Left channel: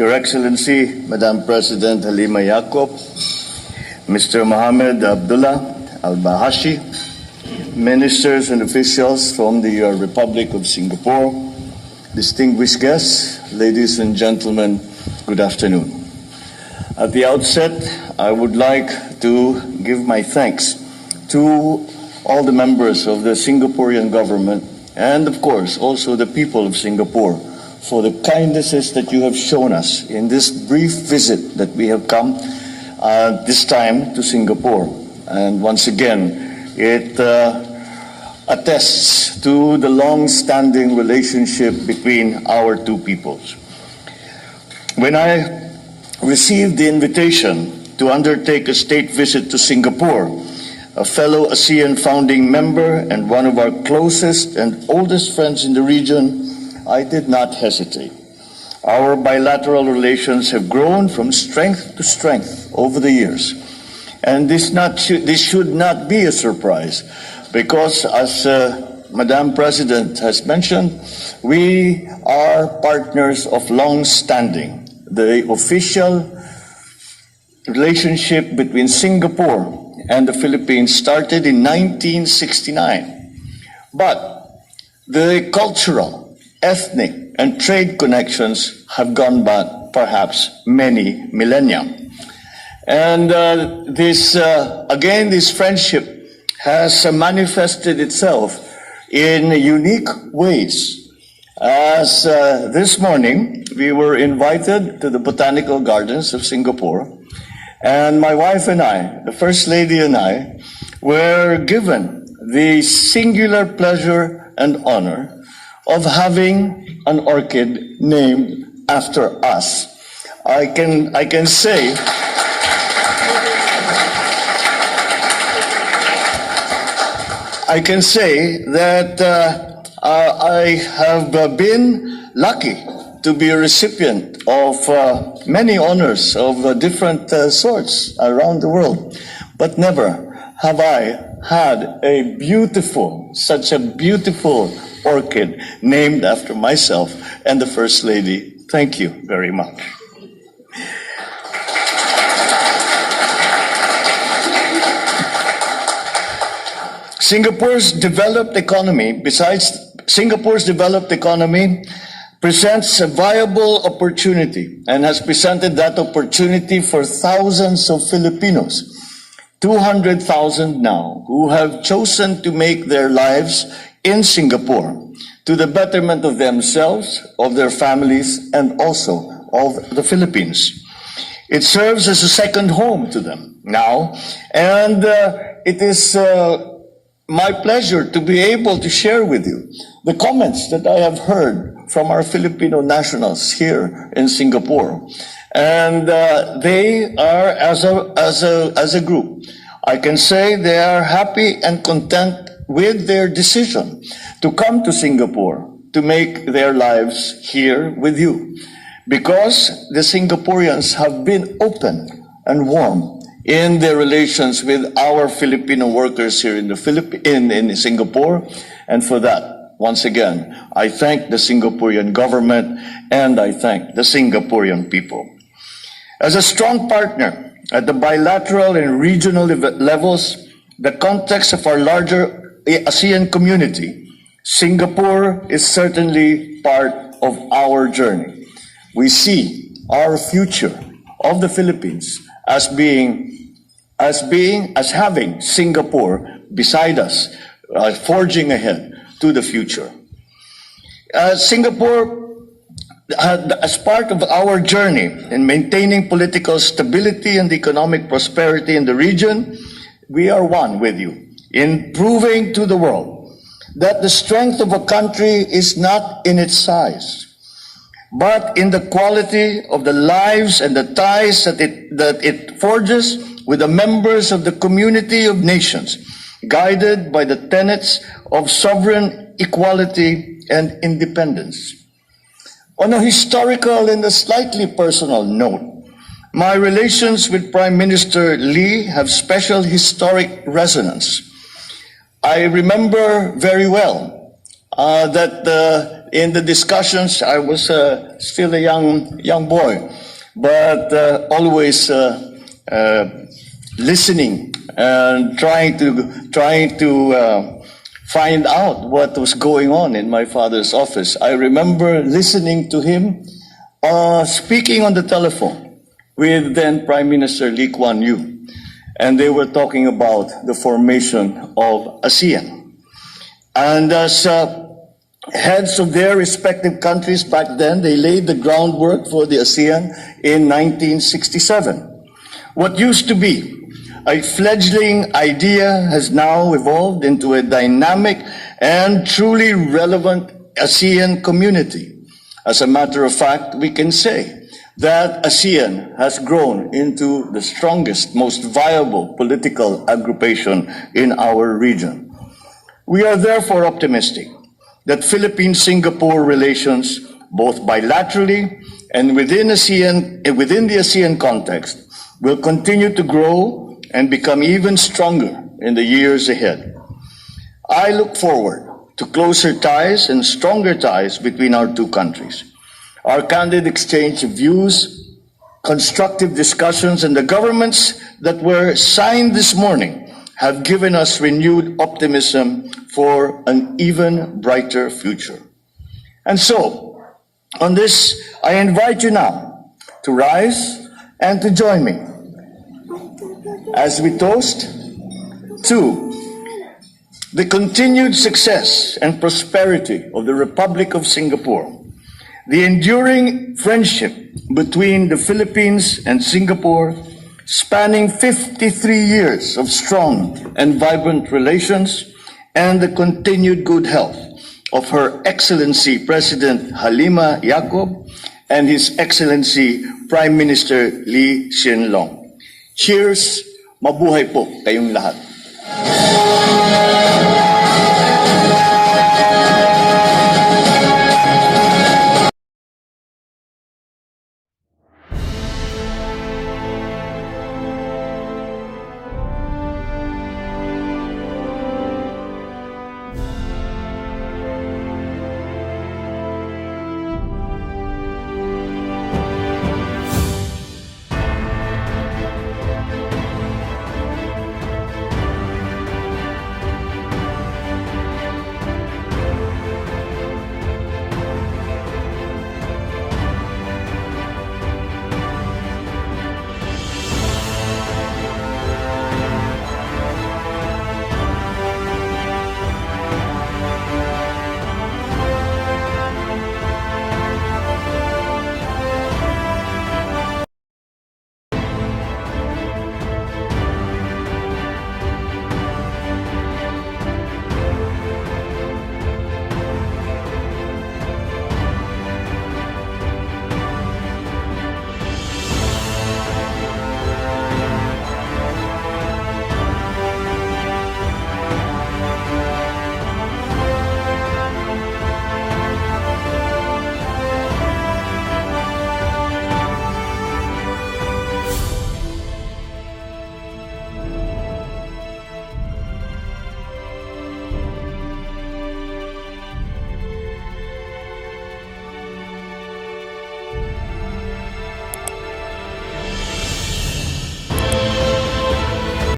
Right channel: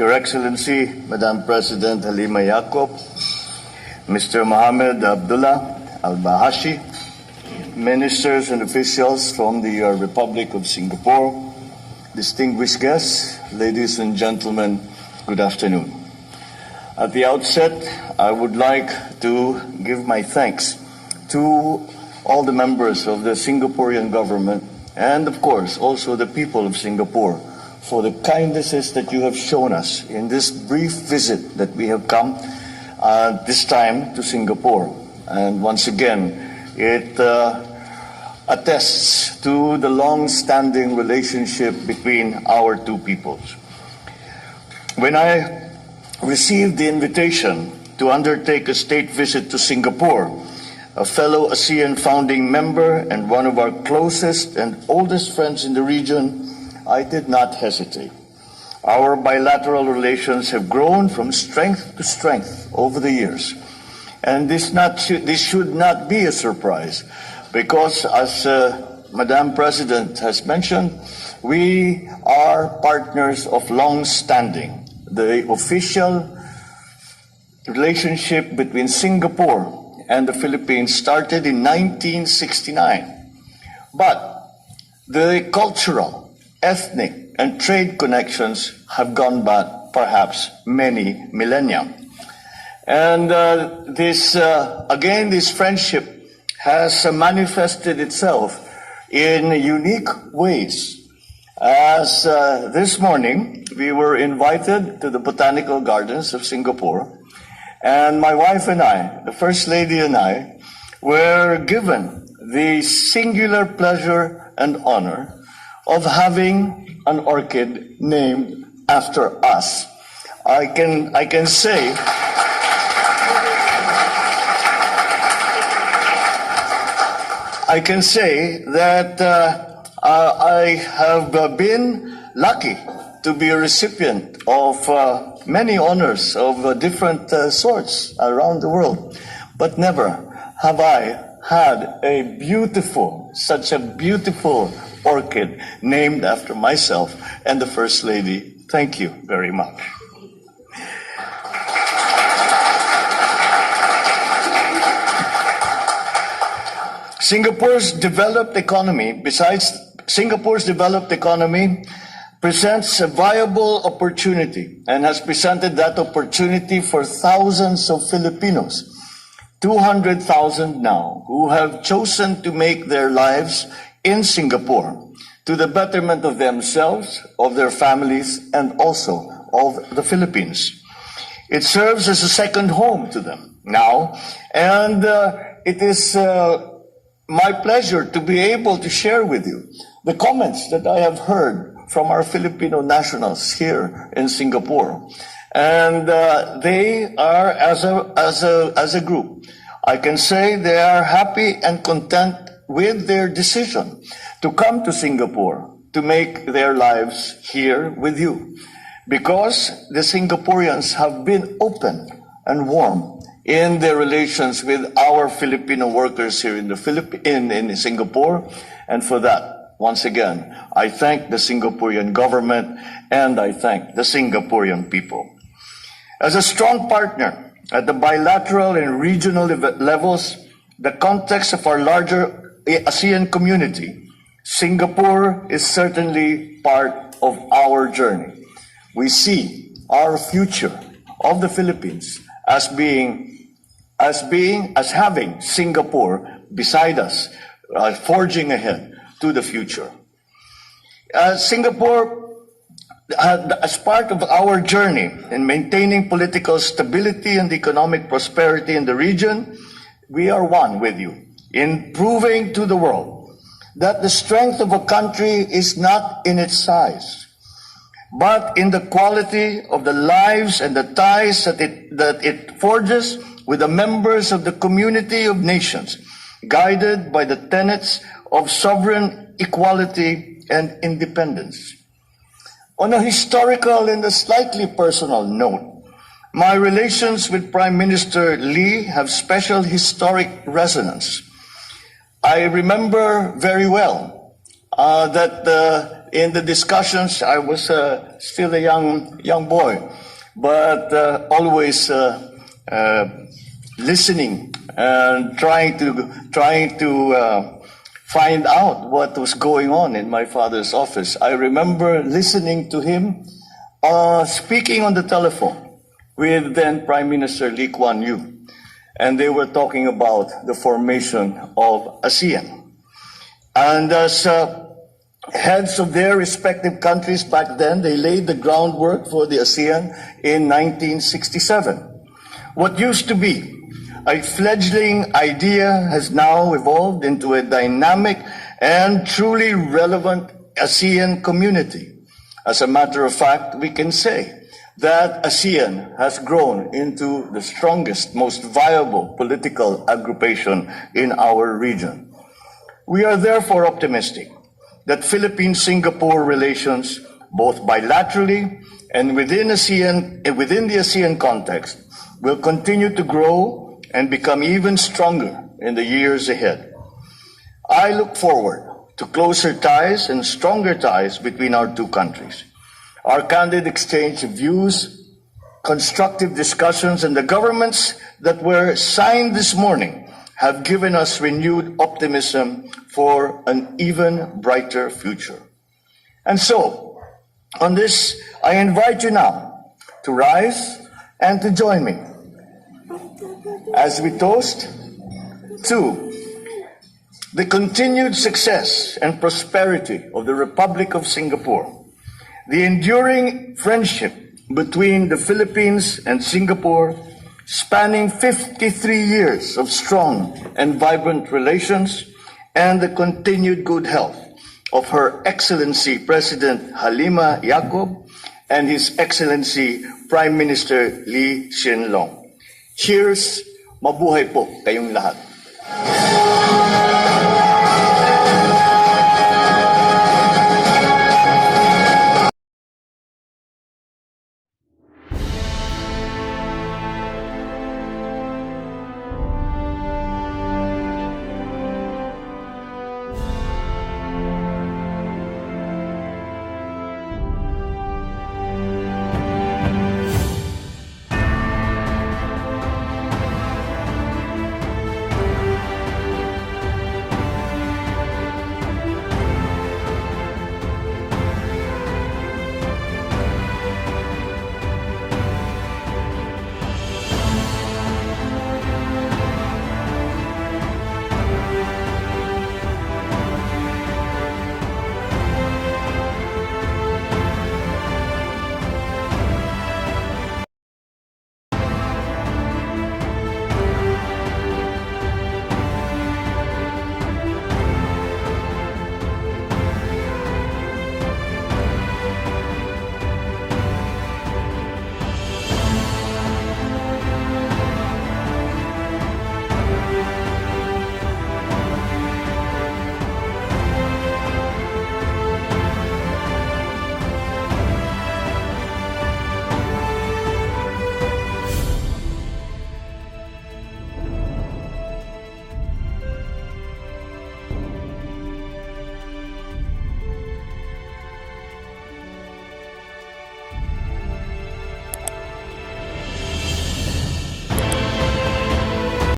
Your Excellency, Madam President Halima Yacob, Mr. Mohamed Abdullah Al-Bahashi, ministers and officials from the Republic of Singapore, distinguished guests, ladies and gentlemen, good afternoon. At the outset, I would like to give my thanks to all the members of the Singaporean government and, of course, also the people of Singapore for the kindnesses that you have shown us in this brief visit that we have come this time to Singapore. And once again, it attests to the long-standing relationship between our two peoples. When I received the invitation to undertake a state visit to Singapore, a fellow ASEAN founding member and one of our closest and oldest friends in the region, I did not hesitate. Our bilateral relations have grown from strength to strength over the years. And this should not be a surprise because, as Madam President has mentioned, we are partners of long standing. The official relationship between Singapore and the Philippines started in 1969. But the cultural, ethnic, and trade connections have gone back perhaps many millennia. And this friendship has manifested itself in unique ways. As this morning, we were invited to the Botanical Gardens of Singapore, and my wife and I, the First Lady and I, were given the singular pleasure and honor of having an orchid named after us. I can say that I have been lucky to be a recipient of many honors of different sorts around the world, but never have I had such a beautiful orchid named after myself and the First Lady. Thank you very much. Singapore's developed economy presents a viable opportunity and has presented that opportunity for thousands of Filipinos, 200,000 now, who have chosen to make their lives in Singapore to the betterment of themselves, of their families, and also of the Philippines. It serves as a second home to them now, and it is my pleasure to be able to share with you the comments that I have heard from our Filipino nationals here in Singapore. And they are, as a group, I can say they are happy and content with their decision to come to Singapore to make their lives here with you. Because the Singaporeans have been open and warm in their relations with our Filipino workers here in Singapore. And for that, once again, I thank the Singaporean government and I thank the Singaporean people. As a strong partner at the bilateral and regional levels, the context of our larger ASEAN community, Singapore is certainly part of our journey. We see our future of the Philippines as having Singapore beside us, forging ahead to the future. Singapore, as part of our journey in maintaining political stability and economic prosperity in the region, we are one with you in proving to the world that the strength of a country is not in its size, but in the quality of the lives and the ties that it forges with the members of the community of nations, guided by the tenets of sovereign equality and independence. On a historical and a slightly personal note, my relations with Prime Minister Lee have special historic resonance. I remember very well that in the discussions, I was still a young boy, but always listening and trying to find out what was going on in my father's office. I remember listening to him speaking on the telephone with then Prime Minister Lee Kuan Yew, and they were talking about the formation of ASEAN. And as heads of their respective countries back then, they laid the groundwork for the ASEAN in 1967. What used to be a fledgling idea has now evolved into a dynamic and truly relevant ASEAN community. As a matter of fact, we can say that ASEAN has grown into the strongest, most viable political aggregation in our region. We are therefore optimistic that Philippine-Singapore relations, both bilaterally and within the ASEAN context, will continue to grow and become even stronger in the years ahead. I look forward to closer ties and stronger ties between our two countries. Our candid exchange of views, constructive discussions, and the governments that were signed this morning have given us renewed optimism for an even brighter future. And so, on this, I invite you now to rise and to join me as we toast to the continued success and prosperity of the Republic of Singapore, the enduring friendship between the Philippines and Singapore, spanning 53 years of strong and vibrant relations, and the continued good health of Her Excellency President Halima Yacob and His Excellency Prime Minister Lee Hsien Loong. Cheers! Mabuhay po kayong lahat.